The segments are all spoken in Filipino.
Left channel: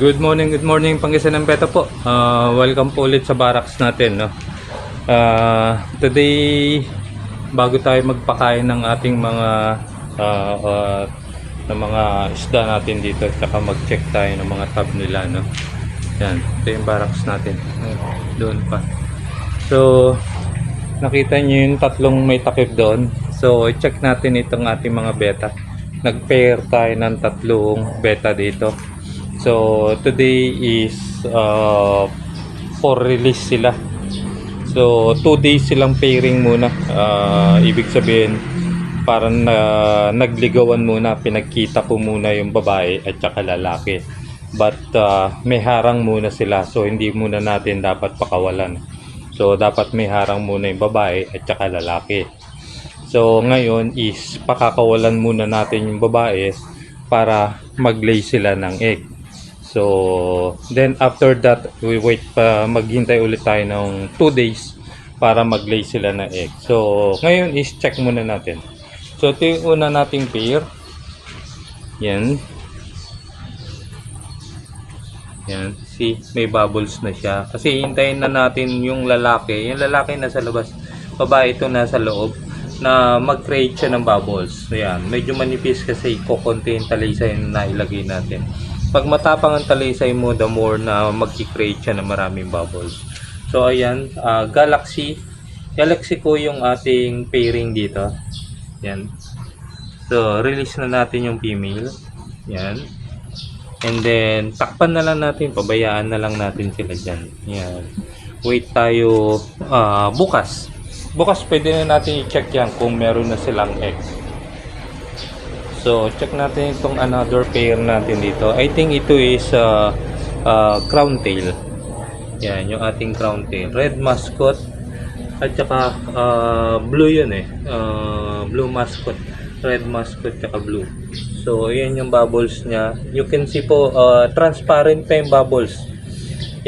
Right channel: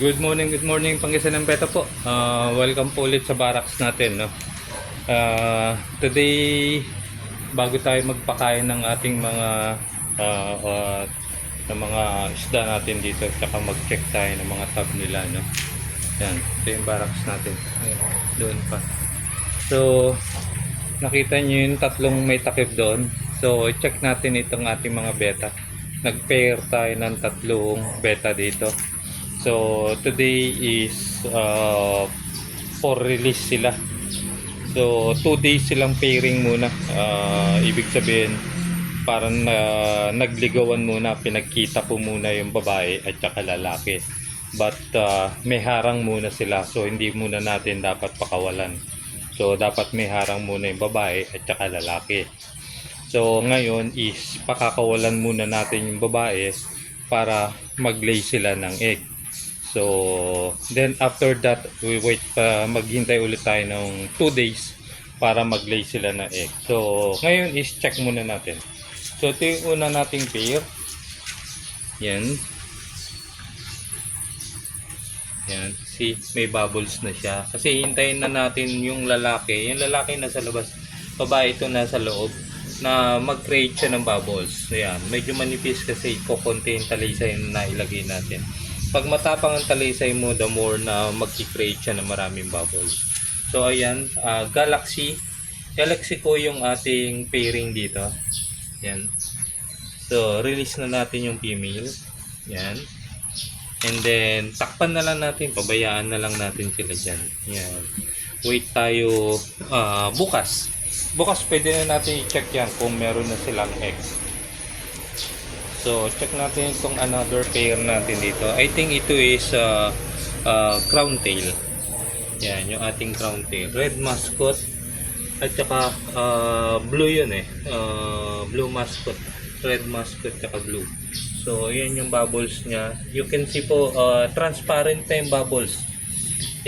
Good morning Pangasinan ng Beta po. Welcome po ulit sa barracks natin, no. Today bago tayo magpakain ng ating mga ng mga isda natin dito, at saka mag-check tayo ng mga tab nila, no. Yan, ito yung barracks natin. Doon pa. So, nakita nyo yung tatlong may takip doon. So, i-check natin itong ating mga beta. Nag-pair tayo ng tatlong beta dito. So, today is for release sila. So, 2 days silang pairing muna. Ibig sabihin, parang nagligawan muna, pinagkita po muna yung babae at saka lalaki. But may harang muna sila, so hindi muna natin dapat pakawalan. So, dapat may harang muna yung babae at saka lalaki. So, ngayon is pakakawalan muna natin yung babae para mag-lay sila ng egg. So, then after that, we wait pa, maghintay ulit tayo ng 2 days para mag-lay sila na egg. So, ngayon is check muna natin. So, ito yung una nating pair. Yan. Yan. See, may bubbles na siya. Kasi hintayin na natin yung lalaki. Yung lalaki nasa labas. Babae ito nasa loob na mag-create siya ng bubbles. Yan. Medyo manipis kasi kukunti yung talisay na ilagay natin. Pag matapang ang talisay mo, the more na mag-create siya ng maraming bubbles. So, ayan. Galaxy ko yung ating pairing dito. Yan. So, release na natin yung female. Yan. And then, takpan na lang natin. Pabayaan na lang natin sila dyan. Yan. Wait tayo bukas. Bukas pwede na natin i-check yan kung meron na silang eggs. So, check natin itong another pair natin dito. I think ito is crown tail. Yan, yung ating crown tail. Red mascot. At saka blue yun eh. Blue mascot. Red mascot tsaka blue. So, ayan yung bubbles niya. You can see po, transparent pa yung bubbles.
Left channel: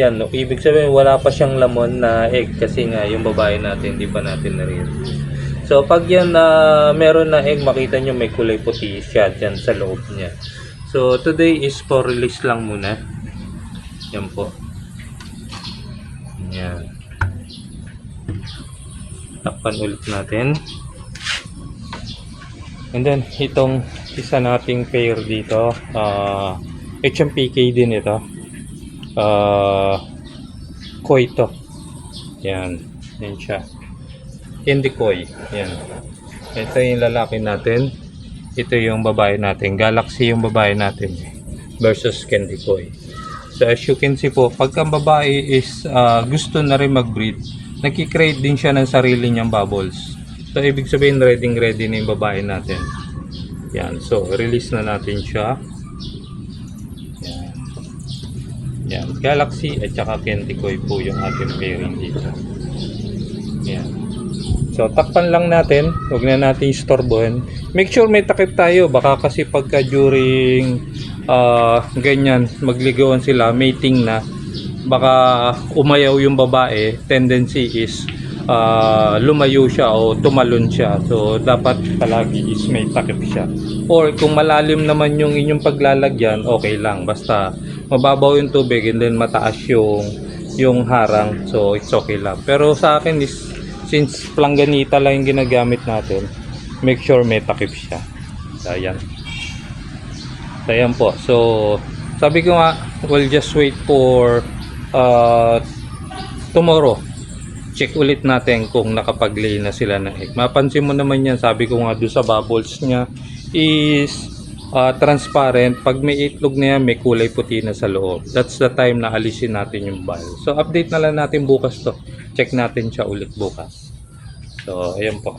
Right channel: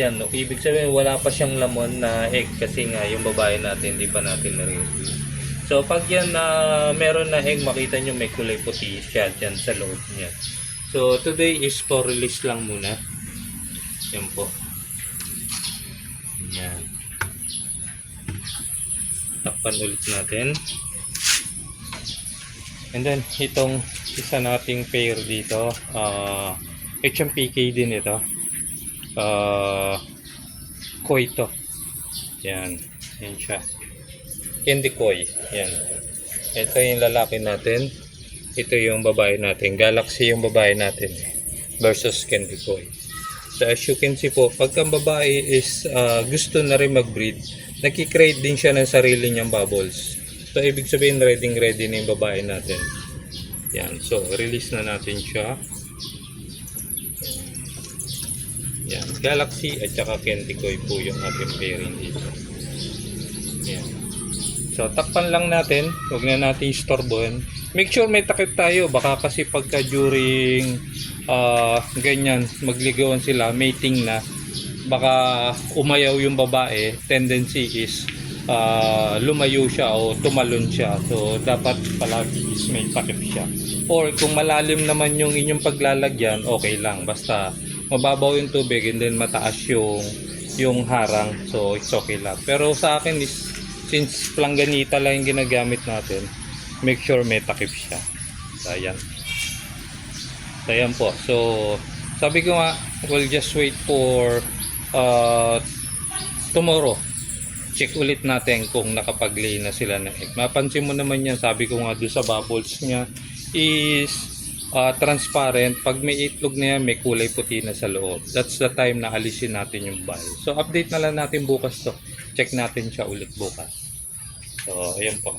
Yan, no? Ibig sabihin wala pa siyang lamon na egg kasi nga yung babae natin, di pa natin nare-release. So, pag yan meron na egg, makita nyo may kulay puti siya dyan sa loob niya. So, today is for release lang muna. Yan po. Yan. Takpan ulit natin. And then, itong isa nating pair dito, HMPK din ito. Koi to. Yan. Yan siya. Candy Koi. Yan. Ito yung lalaki natin. Ito yung babae natin. Galaxy yung babae natin versus Candy Koi. So as you can see po, pagka babae is gusto na rin mag-breed, nagki-create din siya ng sarili niyang bubbles. So ibig sabihin ready na yung babae natin. Yan. So release na natin siya. Yan. Yan. Galaxy at saka Candy Koi po yung ating pairing dito. Yan. So, takpan lang natin. Huwag na natin istorbohin. Make sure may takip tayo. Baka kasi pagka during ganyan, magligawan sila, mating na, baka umayaw yung babae. Tendency is lumayo siya o tumalon siya. So, dapat palagi is may takip siya. Or kung malalim naman yung inyong paglalagyan, okay lang. Basta mababaw yung tubig and then mataas yung harang. So, it's okay lang. Pero sa akin is since planganita lang yung ginagamit natin, make sure may takip siya. So, ayan. So, ayan po. So, sabi ko nga, we'll just wait for tomorrow. Check ulit natin kung nakapag-lay na sila ng egg. Mapansin mo naman yan, sabi ko nga doon sa bubbles niya is transparent. Pag may itlog na yan, may kulay puti na sa loob. That's the time na alisin natin yung ball. So, update na lang natin bukas to. Check natin siya ulit bukas. So, ayan po.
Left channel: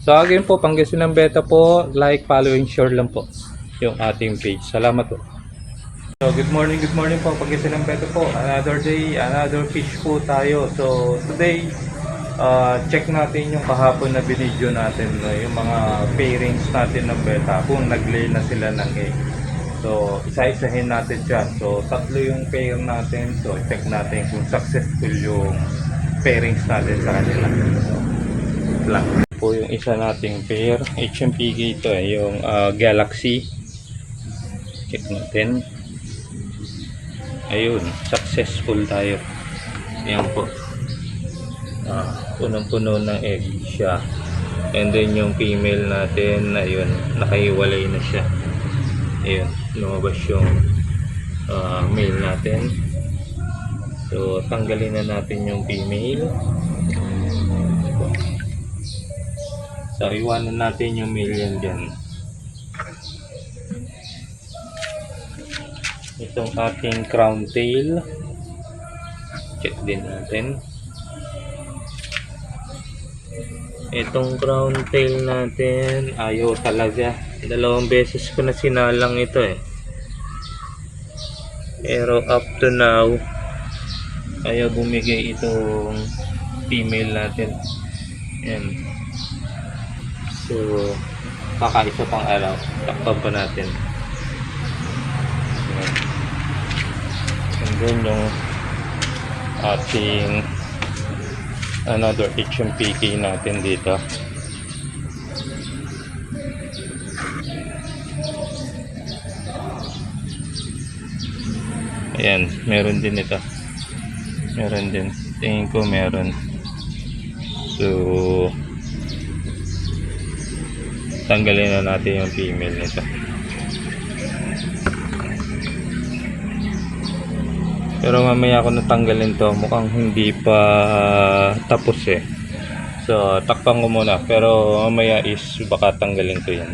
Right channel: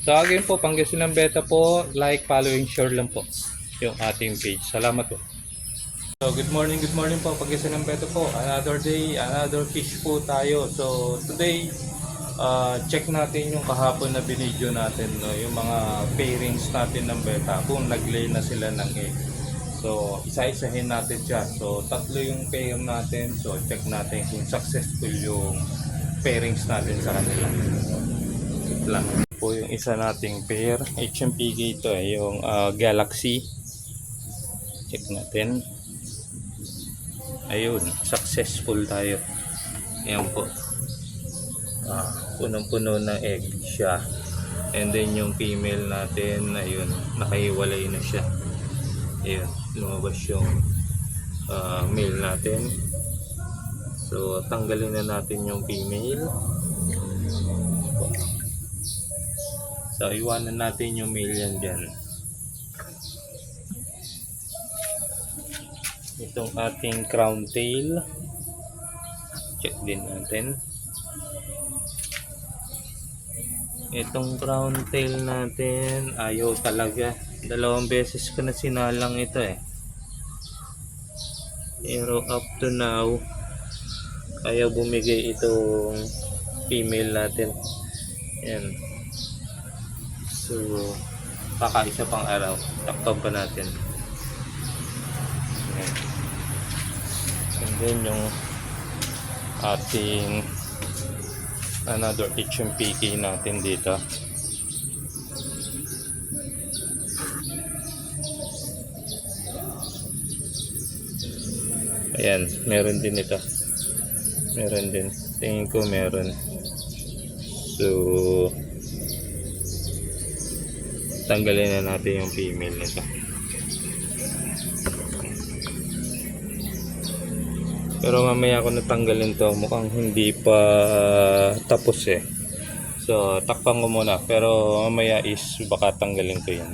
So, again po, Pangasinan Beta po. Like, follow, and share lang po yung ating page. Salamat po. So, good morning po, Pangasinan Beta po. Another day, another fish po tayo. So, today, check natin yung kahapon na video natin, no? Yung mga pairings natin ng beta, kung nag-lay na sila ng egg. So, isa-isahin natin siya. So, tatlo yung pair natin. So, check natin kung successful yung pairings natin sa kanila. Lang po yung isa nating pair. HMPG ito, yung Galaxy. Check natin. Ayun, successful tayo. Ayan po. Punong-puno ng egg siya. And then yung female natin, ayun, nakahiwalay na siya. Ayun, lumabas yung male natin. So, tanggalin na natin yung female. So, iwanan natin yung male yan dyan. Itong ating crown tail. Check din natin. Itong crown tail natin, ayaw talaga. 2 beses ko na sinalang ito eh. Pero up to now, ayaw bumigay itong female natin. Ayan. So, kakaisa pang araw. Takpan pa natin. Ayan. And then yung ating another HMPK natin dito. Ayan, meron din ito. Meron din. Tingin ko meron. So, tanggalin na natin yung female nito. Pero mamaya ako natanggalin to, mukhang hindi pa tapos eh. So, takpan ko muna. Pero mamaya is baka tanggalin ko yun.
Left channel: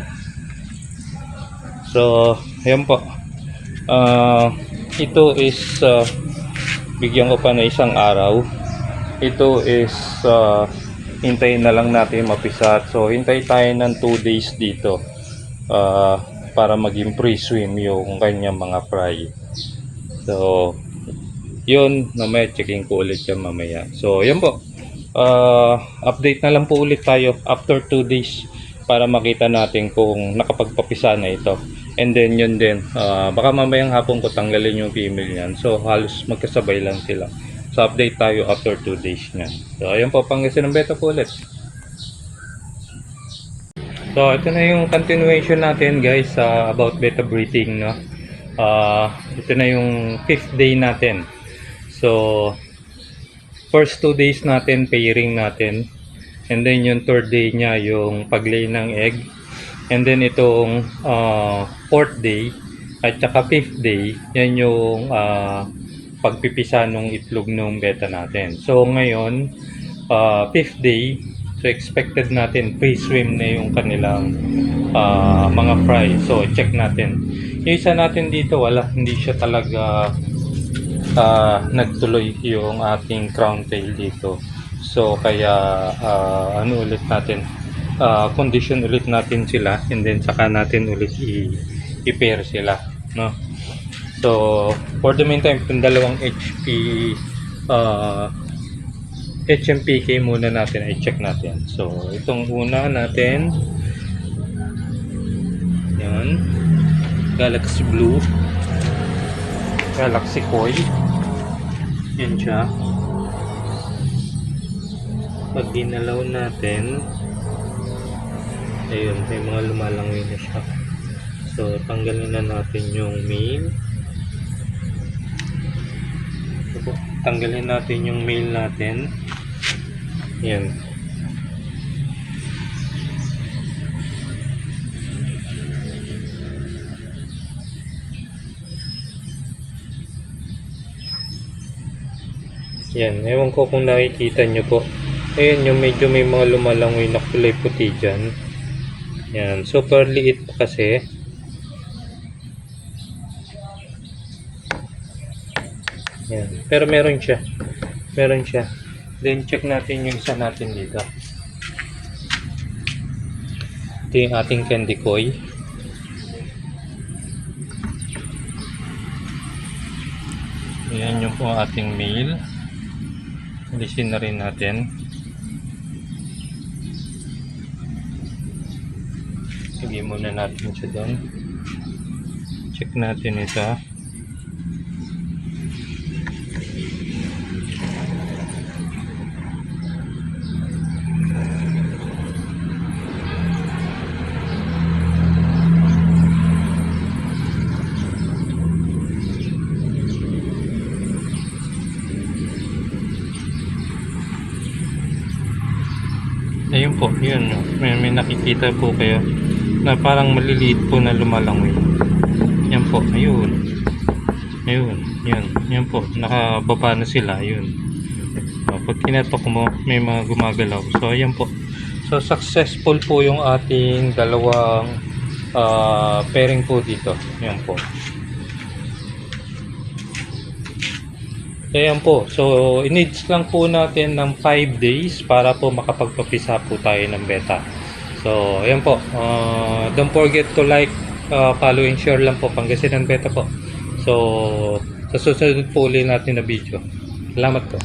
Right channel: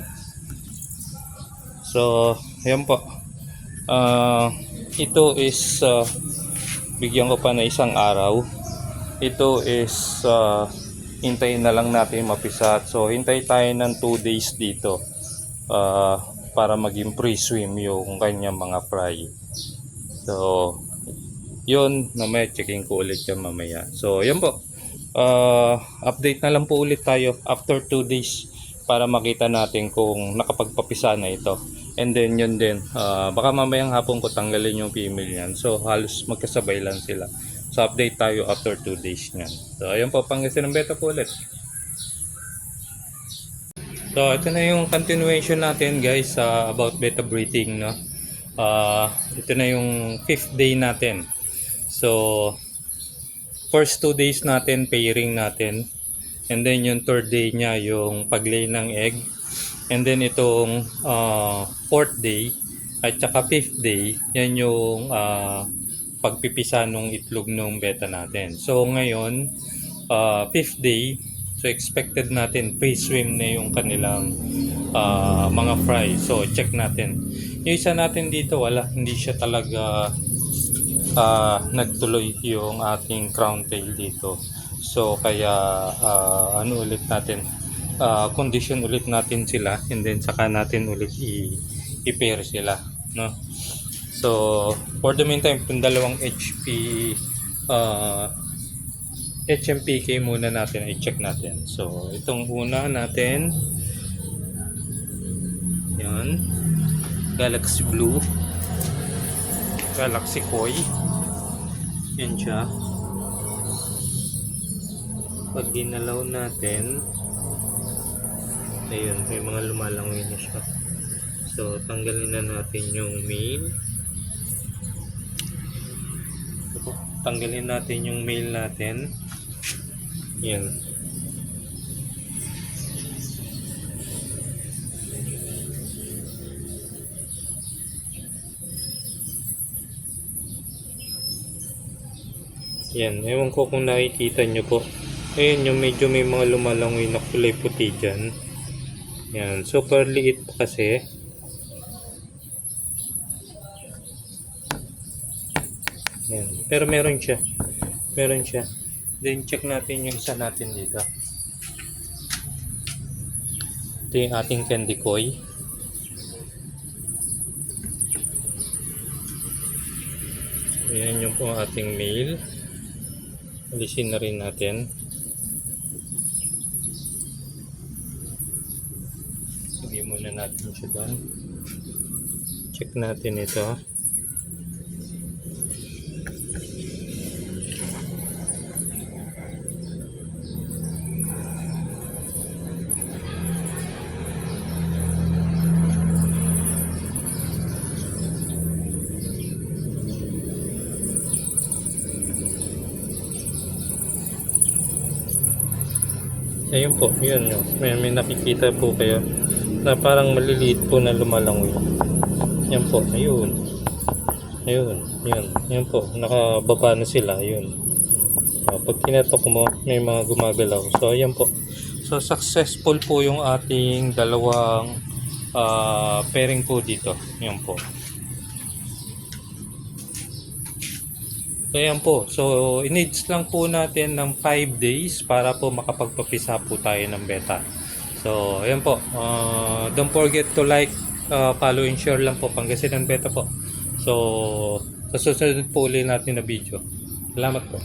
So, ayan po. Ito is bigyan ko pa na 1 araw. Ito is hintayin na lang natin mapisat. So, hintay tayo ng 2 days dito para maging pre-swim yung kanyang mga fry. So, yun, mamaya checking ko ulit yan mamaya. So, yun po. Update na lang po ulit tayo after 2 days para makita natin kung nakapagpapisa na ito. And then yun din, baka mamayang hapon ko tanggalin yung female yan. So, halos magkasabay lang sila. So, update tayo after 2 days niyan. So, ayun po, Pangasinan Beta po ulit. So, ito na yung continuation natin guys about beta breeding, no? Ito na yung 5th day natin. So, first 2 days natin, pairing natin. And then yung 3rd day niya, yung paglay ng egg. And then itong 4th day, at saka 5th day, yan yung pagpipisa ng itlog ng beta natin. So, ngayon, 5th day, so expected natin pre-swim na yung kanilang mga fry. So, check natin. Yung isa natin dito, wala, hindi siya talaga nagtuloy yung ating crown tail dito. So kaya ano ulit natin, condition ulit natin sila, and then saka natin ulit i-pair sila, no? So for the meantime, itong dalawang HMPK muna natin i-check natin. So itong una natin, yan, Galaxy Blue, Galaxy Koi. Yan siya. Pag ginalaw natin, ayun, may mga lumalangoy na siya. So, tanggalin na natin yung male. So, tanggalin natin yung male natin. Yan. Yan, ewan ko kung nakikita nyo po. Ayan yung medyo may mga lumalangoy na kulay puti dyan. Yan, super liit pa kasi. Yan, pero meron siya. Meron siya. Then check natin yung isa natin dito. Ito yung ating candy koi. Yan yung po ating male. Alisin na rin natin. Lagay muna natin siya doon. Check natin ito. Ayun po, yun. May nakikita po kayo na parang maliliit po na lumalangoy. Yan po, ayun. Ayun, yun. Yan po, nakababa na sila, yun. Pag kinatok mo, may mga gumagalaw. So, ayan po. So, successful po yung ating dalawang pairing po dito. Yan po. So, ayan po. So, i-needs lang po natin ng 5 days para po makapagpapisa po tayo ng beta. So, ayan po. Don't forget to like, follow and share lang po. Pangasinan beta po. So, sa susunod po ulit natin na video. Salamat po.